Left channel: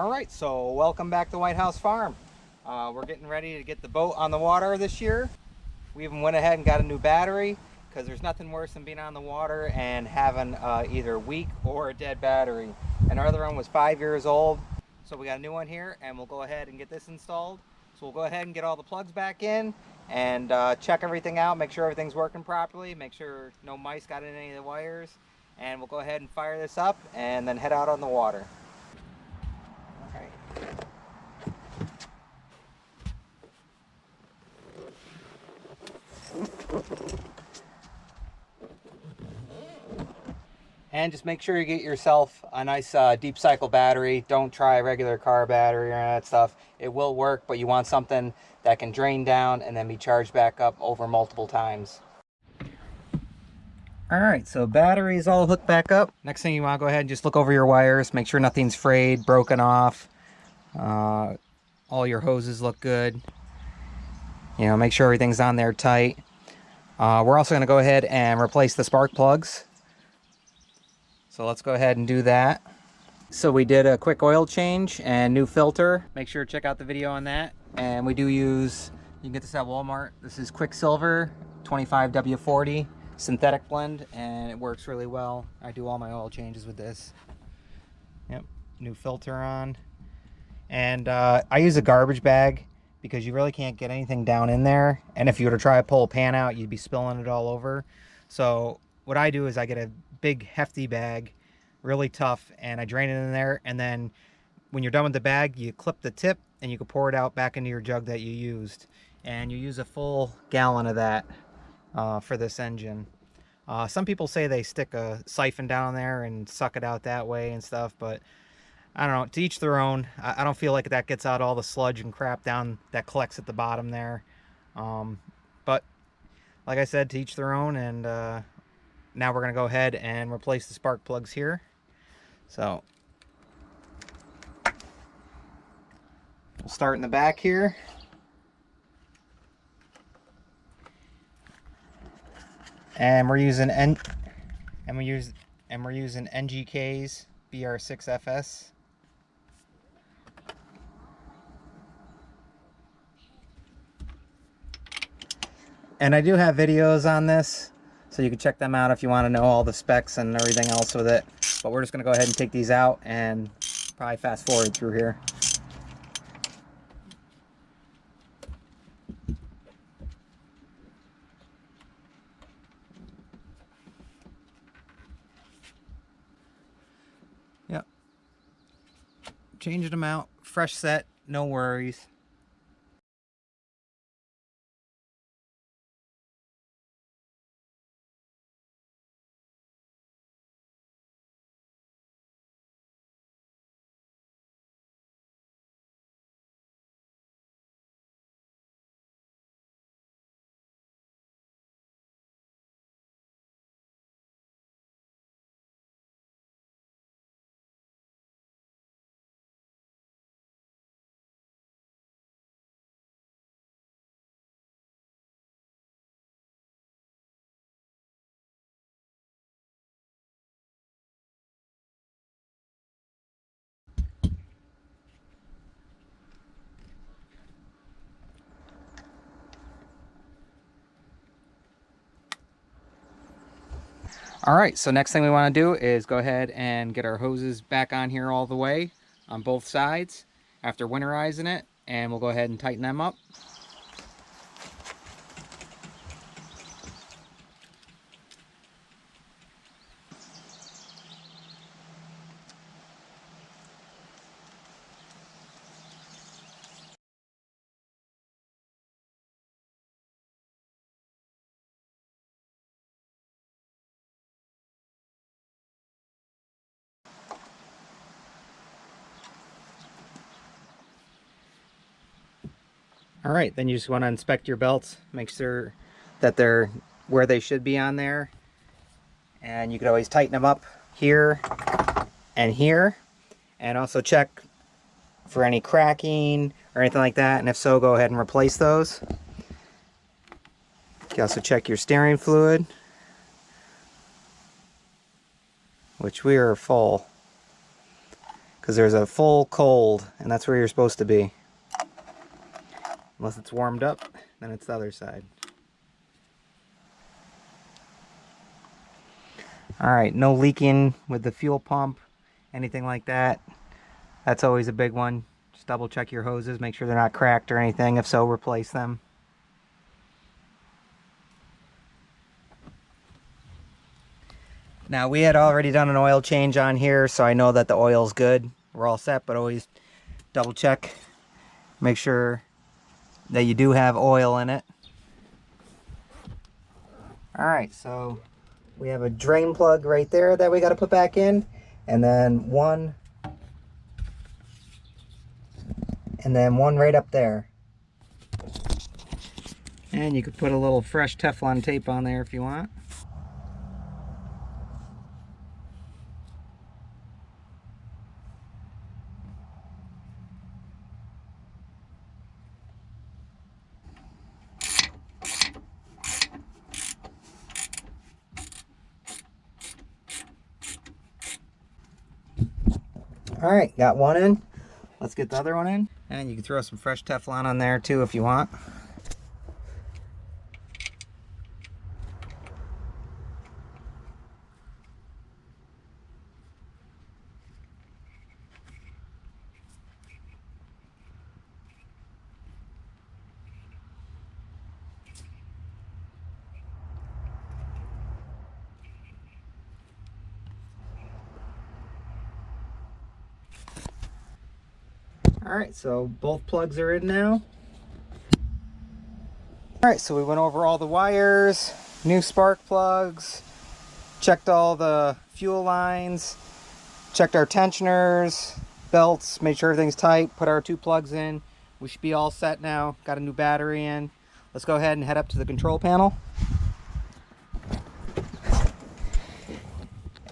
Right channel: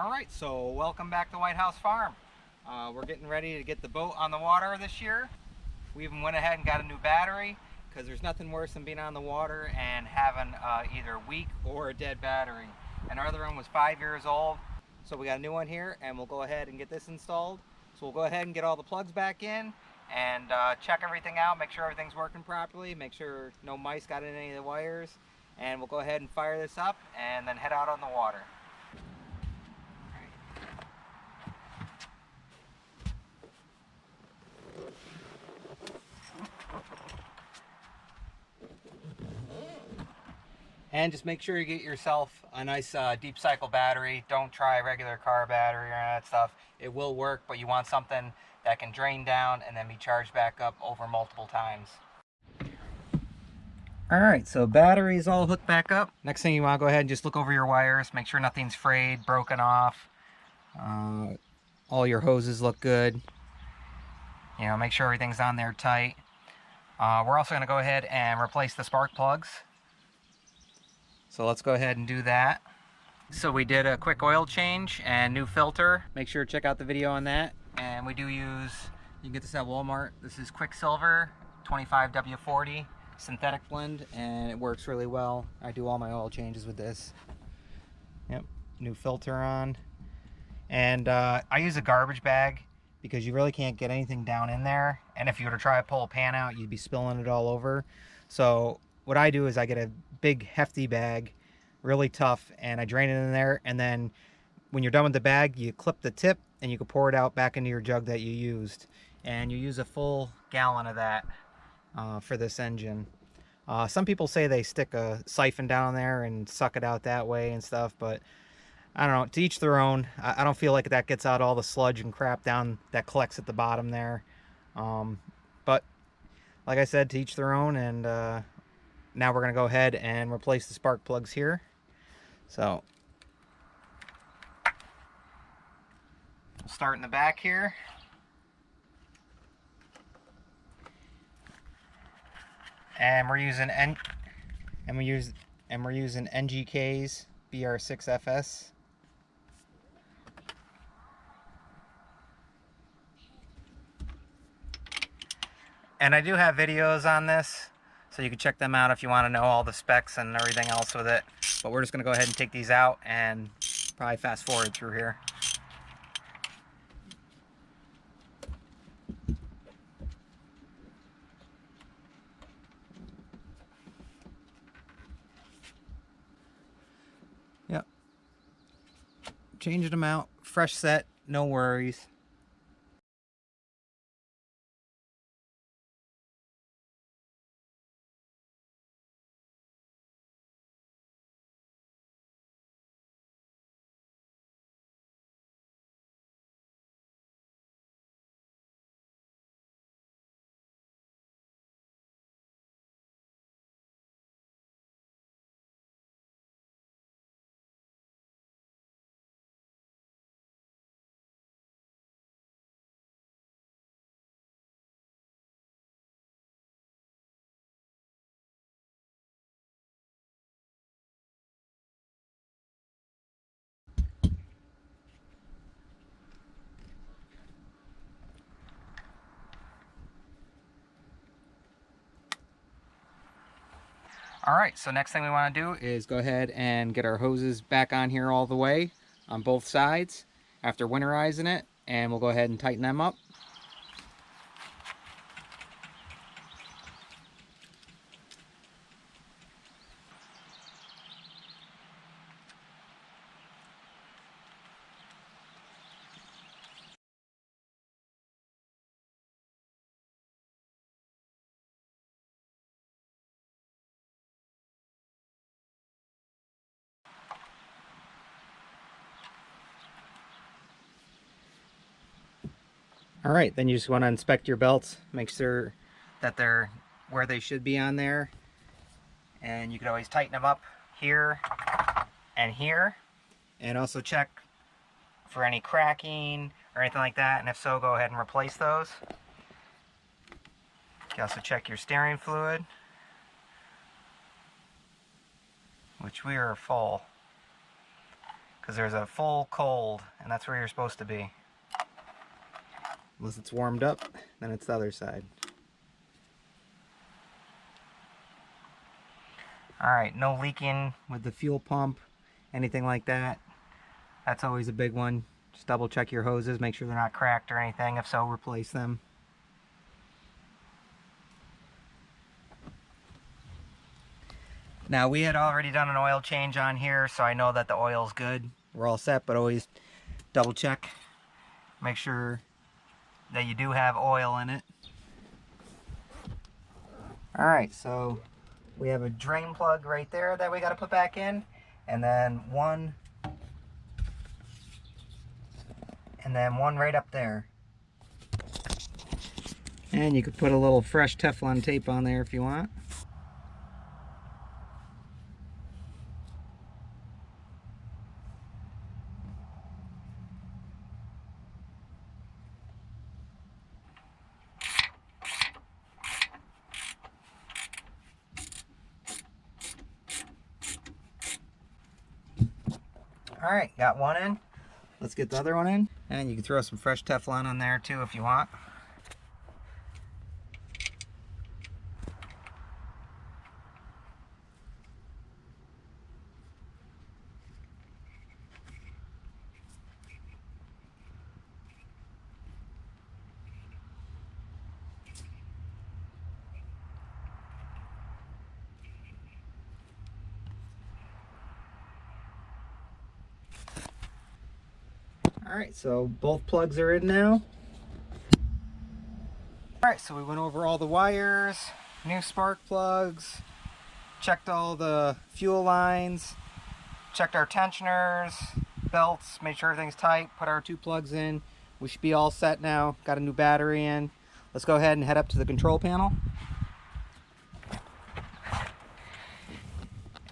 Alright, so welcome back to White House Farm. We're getting ready to get the boat on the water this year. We even went ahead and got a new battery because there's nothing worse than being on the water and having either weak or a dead battery. And our other one was 5 years old, so we got a new one here and we'll go ahead and get this installed. So we'll go ahead and get all the plugs back in and check everything out, make sure everything's working properly, make sure no mice got in any of the wires, and we'll go ahead and fire this up and then head out on the water. And just make sure you get yourself a nice deep cycle battery. Don't try a regular car battery or any of that stuff. It will work, but you want something that can drain down and then be charged back up over multiple times. Alright, so battery is all hooked back up. Next thing you want to go ahead and just look over your wires. Make sure nothing's frayed, broken off. All your hoses look good. You know, make sure everything's on there tight. We're also going to go ahead and replace the spark plugs. So let's go ahead and do that. So we did a quick oil change and new filter. Make sure to check out the video on that. And we do use, you can get this at Walmart. This is Quicksilver 25W40 synthetic blend, and it works really well. I do all my oil changes with this. Yep, new filter on. And I use a garbage bag because you really can't get anything down in there. And if you were to try to pull a pan out, you'd be spilling it all over. So what I do is I get a big hefty bag, really tough, and I drain it in there, and then when you're done with the bag, you clip the tip and you can pour it out back into your jug that you used, and you use a full gallon of that for this engine. Some people say they stick a siphon down there and suck it out that way and stuff, but I don't know, to each their own. I don't feel like that gets out all the sludge and crap down that collects at the bottom there, but like I said, to each their own. And now we're going to go ahead and replace the spark plugs here. So we'll start in the back here. And we're using NGK's BR6FS. And I do have videos on this, so you can check them out if you want to know all the specs and everything else with it. But we're just going to go ahead and take these out and probably fast forward through here. Yep. Changing them out. Fresh set, no worries. Alright, so next thing we want to do is go ahead and get our hoses back on here all the way on both sides after winterizing it, and we'll go ahead and tighten them up. Alright, then you just want to inspect your belts, make sure that they're where they should be on there. And you can always tighten them up here and here. And also check for any cracking or anything like that. And if so, go ahead and replace those. You can also check your steering fluid, which we are full. because there's a full cold, and that's where you're supposed to be. Unless it's warmed up, then it's the other side. Alright, no leaking with the fuel pump, anything like that. That's always a big one. Just double check your hoses, make sure they're not cracked or anything. If so, replace them. Now, we had already done an oil change on here, so I know that the oil's good. We're all set, but always double check. Make sure that you do have oil in it. Alright, so we have a drain plug right there that we got to put back in, and then one right up there. And you could put a little fresh Teflon tape on there if you want. Alright, got one in. Let's get the other one in. And you can throw some fresh Teflon on there too if you want. Alright, so both plugs are in now. Alright, so we went over all the wires, new spark plugs, checked all the fuel lines, checked our tensioners, belts, made sure everything's tight, put our 2 plugs in. We should be all set now. Got a new battery in. Let's go ahead and head up to the control panel.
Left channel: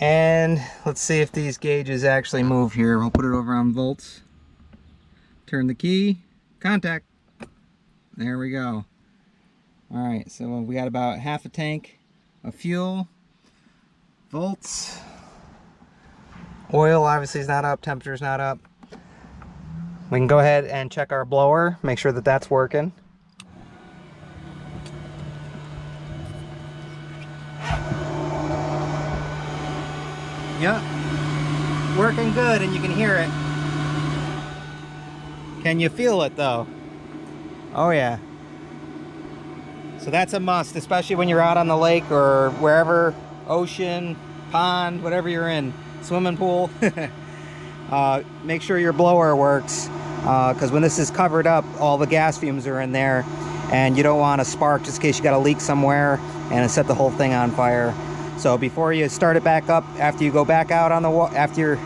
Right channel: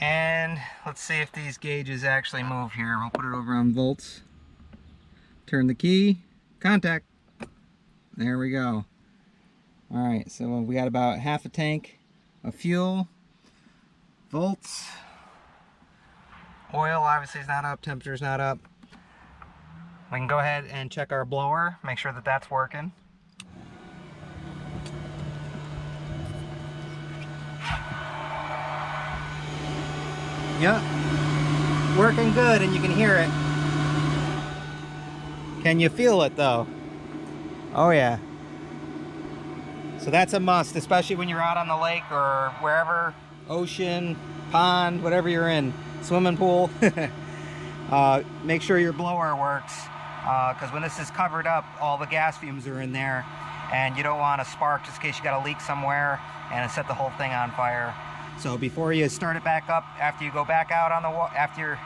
And let's see if these gauges actually move here. We'll put it over on volts. Turn the key, contact. There we go. Alright, so we got about half a tank of fuel. Volts. Oil obviously is not up, temperature's not up. We can go ahead and check our blower, make sure that that's working. Yep, working good, and you can hear it. Can you feel it though? Oh yeah. So that's a must, especially when you're out on the lake or wherever, ocean, pond, whatever you're in, swimming pool. Make sure your blower works, because when this is covered up, all the gas fumes are in there, and you don't want a spark just in case you got a leak somewhere and set the whole thing on fire. So before you start it back up, after you go back out on the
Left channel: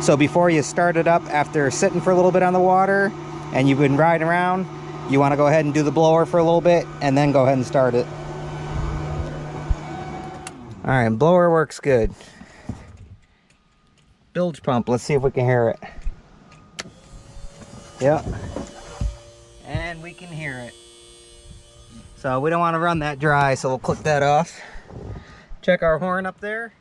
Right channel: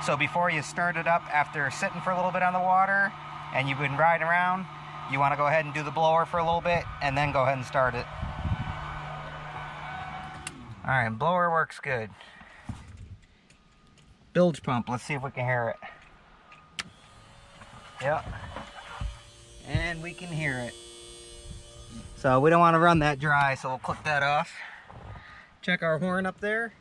So before you start it up, after sitting for a little bit on the water and you've been riding around, you want to go ahead and do the blower for a little bit and then go ahead and start it. Alright, blower works good. Bilge pump, let's see if we can hear it. Yep. And we can hear it. So we don't want to run that dry, so we'll click that off. Check our horn up there.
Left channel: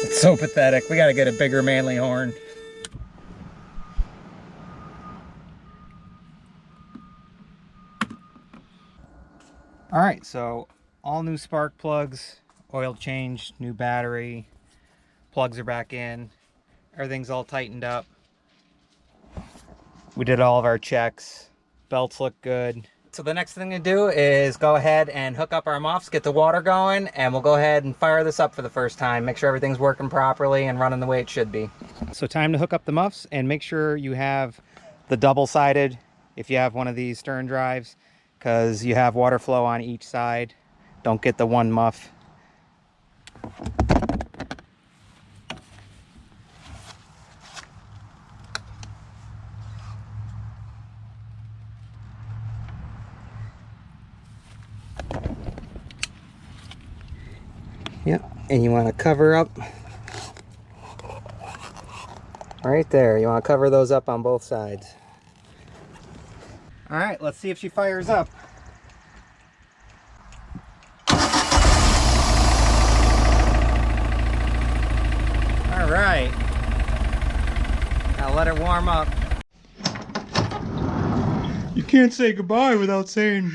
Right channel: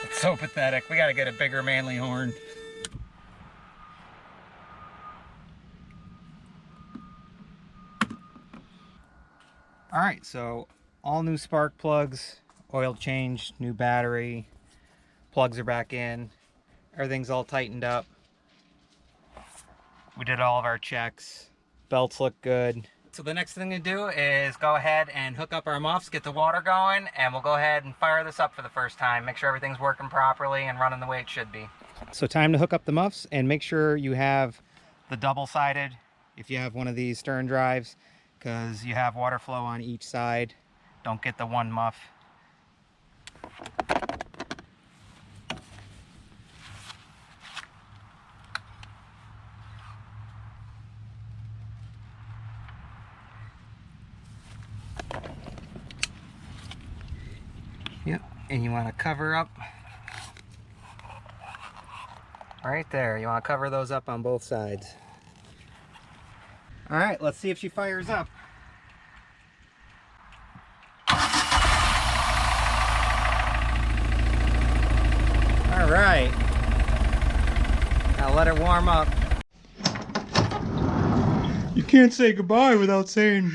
It's so pathetic. We gotta get a bigger manly horn. Alright, so all new spark plugs, oil change, new battery, plugs are back in, everything's all tightened up. We did all of our checks, belts look good. So the next thing to do is go ahead and hook up our muffs, get the water going, and we'll go ahead and fire this up for the first time. Make sure everything's working properly and running the way it should be. So time to hook up the muffs, and make sure you have the double-sided if you have one of these stern drives, because you have water flow on each side. Don't get the one muff. Yep, and you want to cover up right there. You want to cover those up on both sides. All right, let's see if she fires up. All let it warm up. You can't say goodbye without saying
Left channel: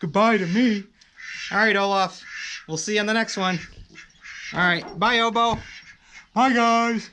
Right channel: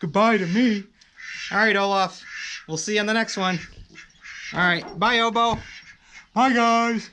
goodbye to me. All right, Olaf. We'll see you on the next one. All right. Bye, Obo. Bye, guys.